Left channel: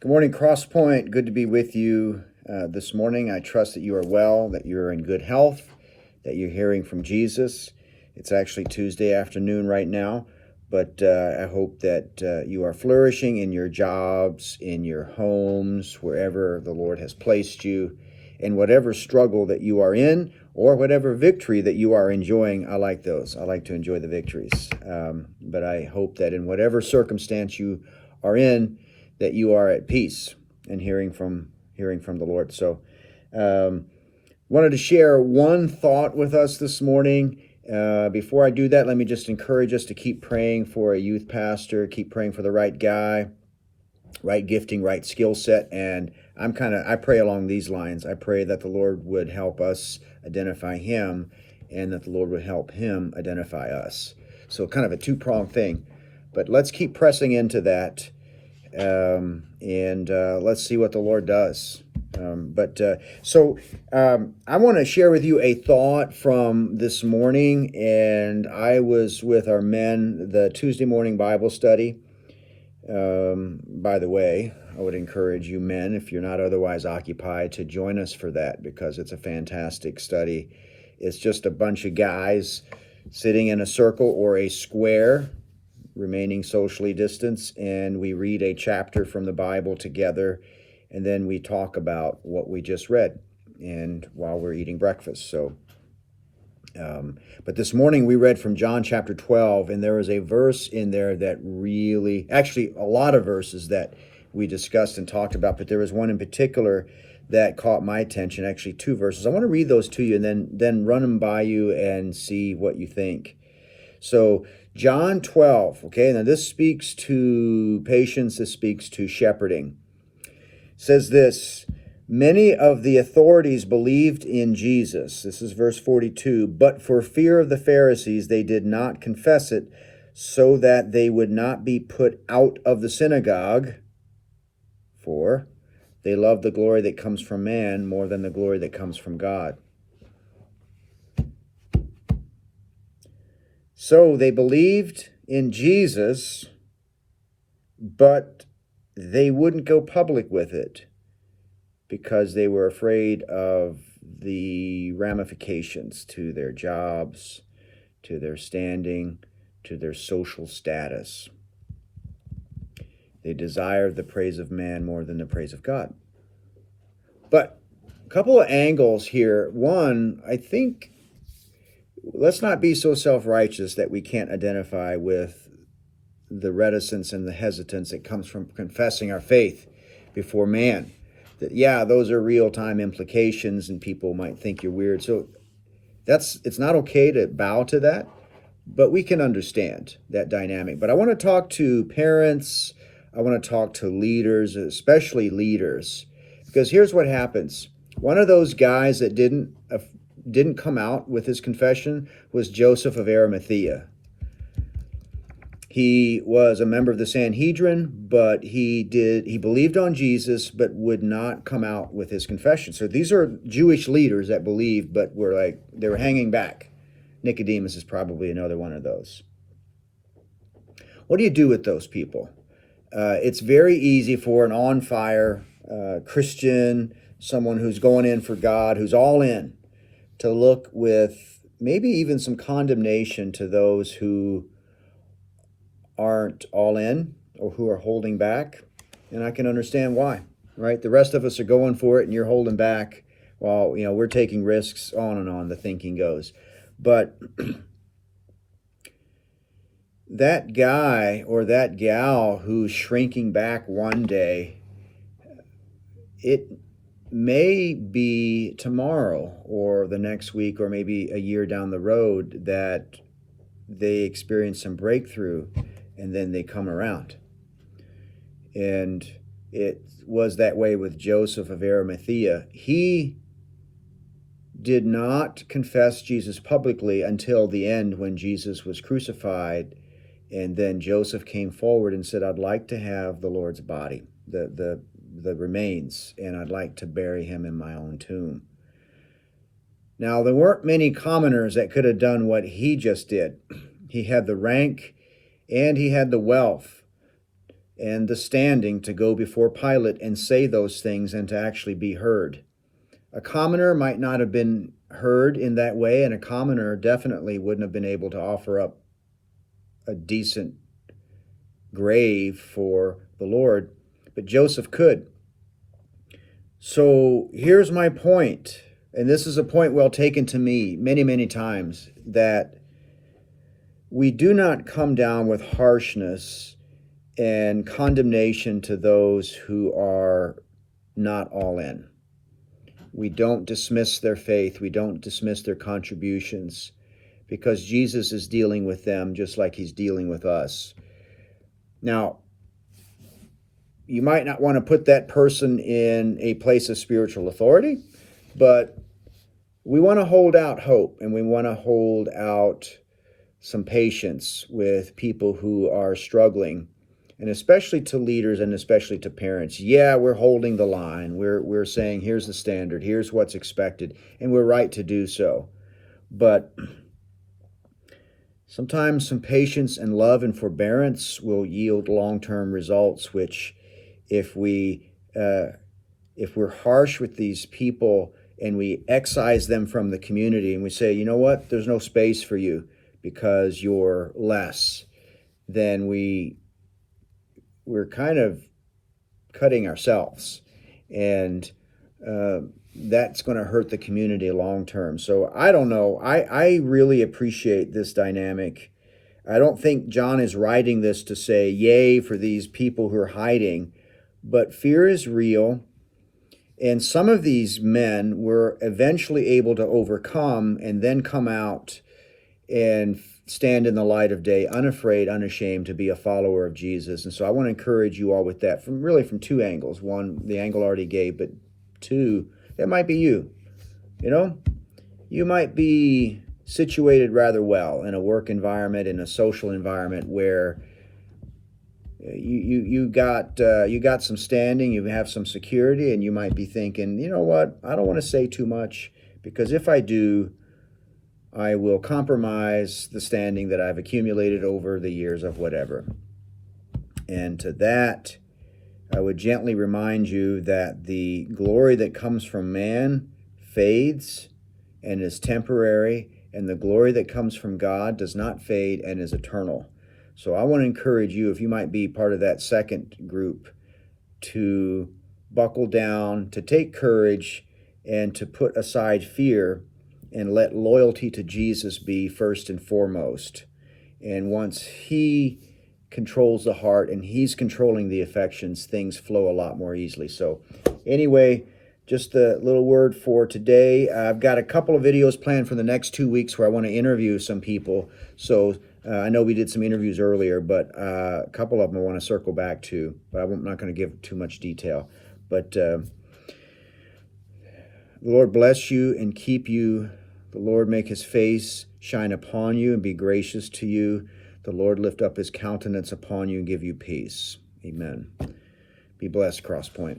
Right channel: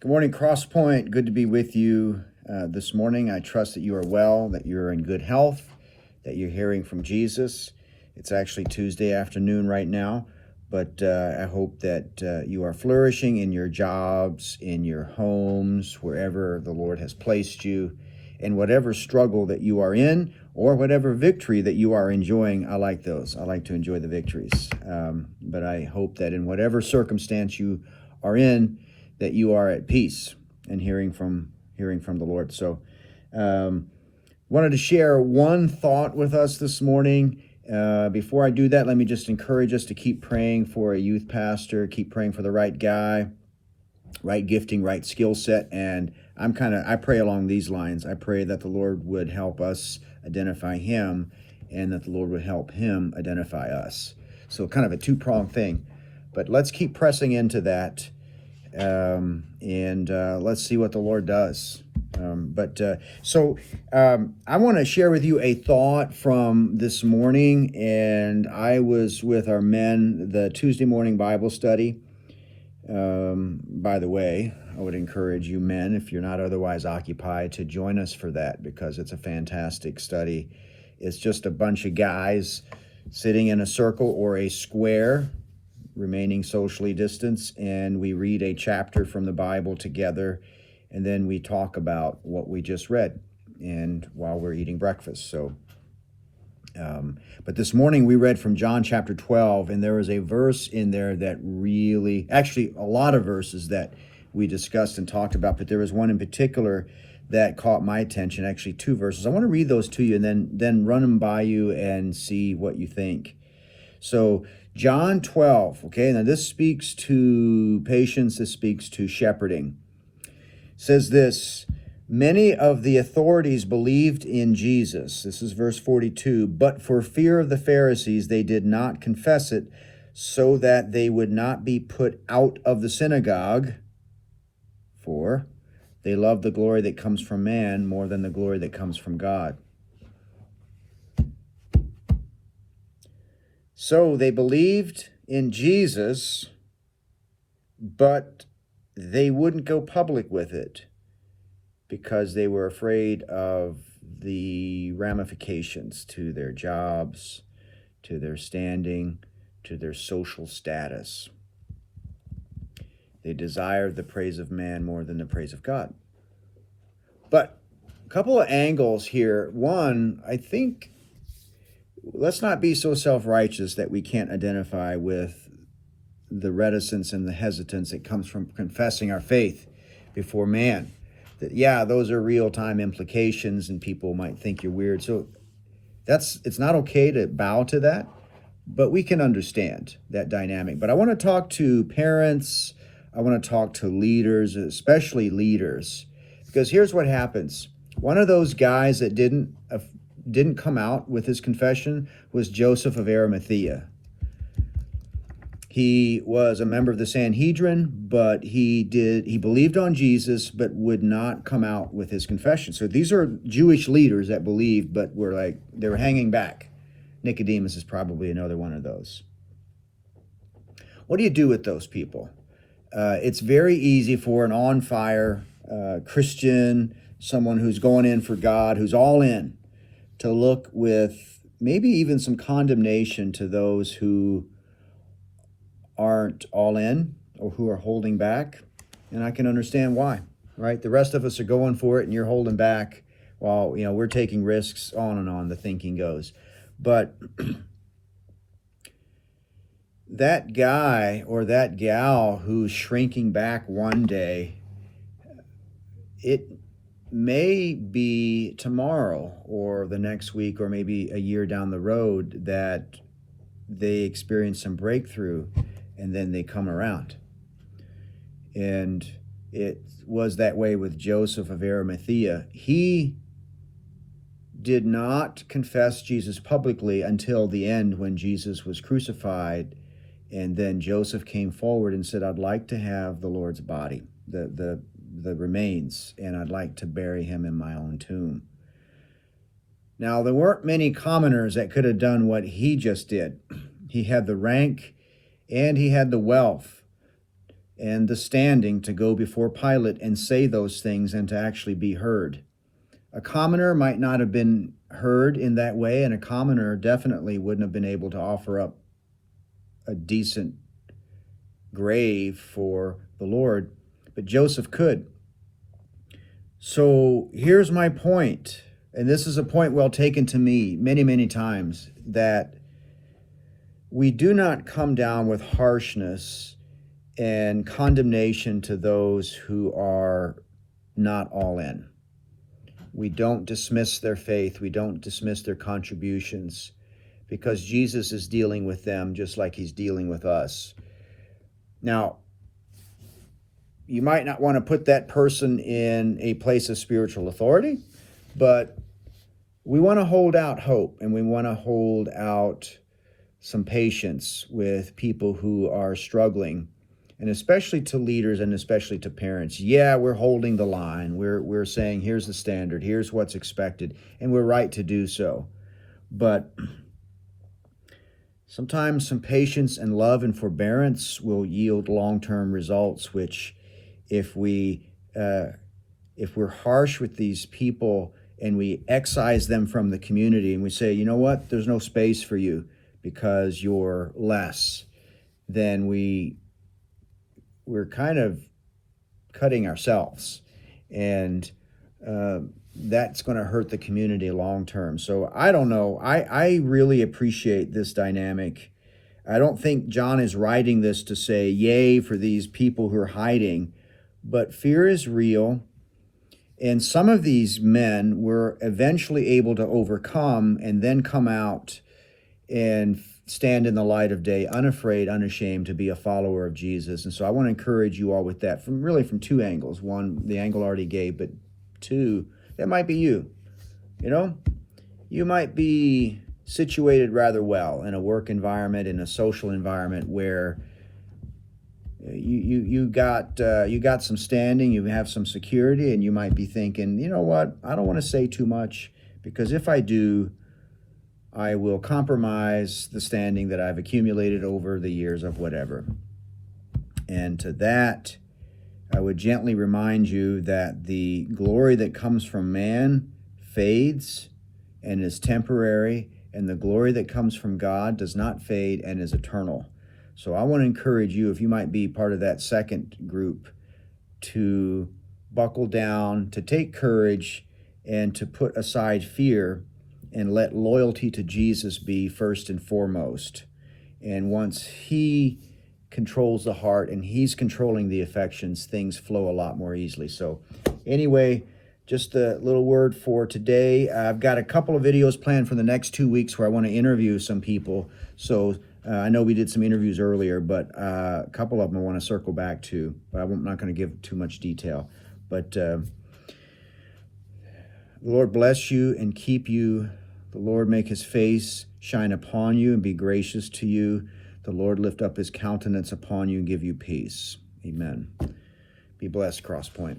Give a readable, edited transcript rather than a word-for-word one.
Good morning, CrossPoint. Good to be with you this morning. I trust that you are well, that you're in good health, that you're hearing from Jesus. It's actually Tuesday afternoon right now, but I hope that you are flourishing in your jobs, in your homes, wherever the Lord has placed you, and whatever struggle that you are in or whatever victory that you are enjoying. I like those. I like to enjoy the victories. But I hope that in whatever circumstance you are in, that you are at peace and hearing from the Lord. So, wanted to share one thought with us this morning. Before I do that, let me just encourage us to keep praying for a youth pastor, keep praying for the right guy, right gifting, right skill set. And I pray along these lines. I pray that the Lord would help us identify him and that the Lord would help him identify us. So kind of a two-pronged thing, but let's keep pressing into that. Let's see what the Lord does. I want to share with you a thought from this morning, and I was with our men, the Tuesday morning Bible study. By the way, I would encourage you men, if you're not otherwise occupied, to join us for that because it's a fantastic study. It's just a bunch of guys sitting in a circle or a square, remaining socially distanced, and we read a chapter from the Bible together, and then we talk about what we just read and while we're eating breakfast. But this morning we read from John chapter 12, and there was a verse in there that really, actually a lot of verses that we discussed and talked about, but there was one in particular that caught my attention, actually two verses. I want to read those to you and then run them by you and see what you think. So John 12, okay, now this speaks to patience, this speaks to shepherding. It says this, many of the authorities believed in Jesus. This is verse 42. But for fear of the Pharisees, they did not confess it, so that they would not be put out of the synagogue. For they love the glory that comes from man more than the glory that comes from God. So they believed in Jesus, but they wouldn't go public with it because they were afraid of the ramifications to their jobs, to their standing, to their social status. They desired the praise of man more than the praise of God. But a couple of angles here. One, I think, let's not be so self-righteous that we can't identify with the reticence and the hesitance that comes from confessing our faith before man. That, yeah, those are real-time implications and people might think you're weird. So it's not okay to bow to that, but we can understand that dynamic. But I want to talk to parents, I want to talk to leaders, especially leaders, because here's what happens. One of those guys that didn't come out with his confession was Joseph of Arimathea. He was a member of the Sanhedrin, but he believed on Jesus, but would not come out with his confession. So these are Jewish leaders that believed, but they were hanging back. Nicodemus is probably another one of those. What do you do with those people? It's very easy for an on-fire Christian, someone who's going in for God, who's all in, to look with maybe even some condemnation to those who aren't all in or who are holding back. And I can understand why, right? The rest of us are going for it and you're holding back while, we're taking risks, on and on, the thinking goes. But that guy or that gal who's shrinking back one day, it may be tomorrow or the next week or maybe a year down the road that they experience some breakthrough and then they come around. And it was that way with Joseph of Arimathea. He did not confess Jesus publicly until the end when Jesus was crucified. And then Joseph came forward and said, I'd like to have the Lord's body, the remains, and I'd like to bury him in my own tomb. Now, there weren't many commoners that could have done what he just did. He had the rank and he had the wealth and the standing to go before Pilate and say those things and to actually be heard. A commoner might not have been heard in that way, and a commoner definitely wouldn't have been able to offer up a decent grave for the Lord, but Joseph could. So here's my point, and this is a point well taken to me many, many times, that we do not come down with harshness and condemnation to those who are not all in. We don't dismiss their faith. We don't dismiss their contributions, because Jesus is dealing with them just like he's dealing with us. Now, you might not want to put that person in a place of spiritual authority, but we want to hold out hope, and we want to hold out some patience with people who are struggling, and especially to leaders and especially to parents. Yeah, we're holding the line. We're saying, here's the standard, here's what's expected, and we're right to do so. But sometimes some patience and love and forbearance will yield long-term results, which if we're harsh with these people and we excise them from the community and we say, you know what, there's no space for you because you're less, then we're kind of cutting ourselves, and that's going to hurt the community long term. So I don't know. I really appreciate this dynamic. I don't think John is writing this to say, yay for these people who are hiding, but fear is real. And some of these men were eventually able to overcome and then come out and stand in the light of day, unafraid, unashamed, to be a follower of Jesus. And so I want to encourage you all with that from two angles. One, the angle I already gave, but two, that might be you. You know, you might be situated rather well in a work environment, in a social environment where you got some standing, you have some security, and you might be thinking, you know what, I don't want to say too much, because if I do, I will compromise the standing that I've accumulated over the years of whatever. And to that, I would gently remind you that the glory that comes from man fades and is temporary, and the glory that comes from God does not fade and is eternal. So I want to encourage you, if you might be part of that second group, to buckle down, to take courage, and to put aside fear and let loyalty to Jesus be first and foremost. And once he controls the heart and he's controlling the affections, things flow a lot more easily. So anyway, just a little word for today. I've got a couple of videos planned for the next 2 weeks where I want to interview some people. So I know we did some interviews earlier, but a couple of them I want to circle back to, but I'm not going to give too much detail. But the Lord bless you and keep you. The Lord make his face shine upon you and be gracious to you. The Lord lift up his countenance upon you and give you peace. Amen. Be blessed, CrossPoint.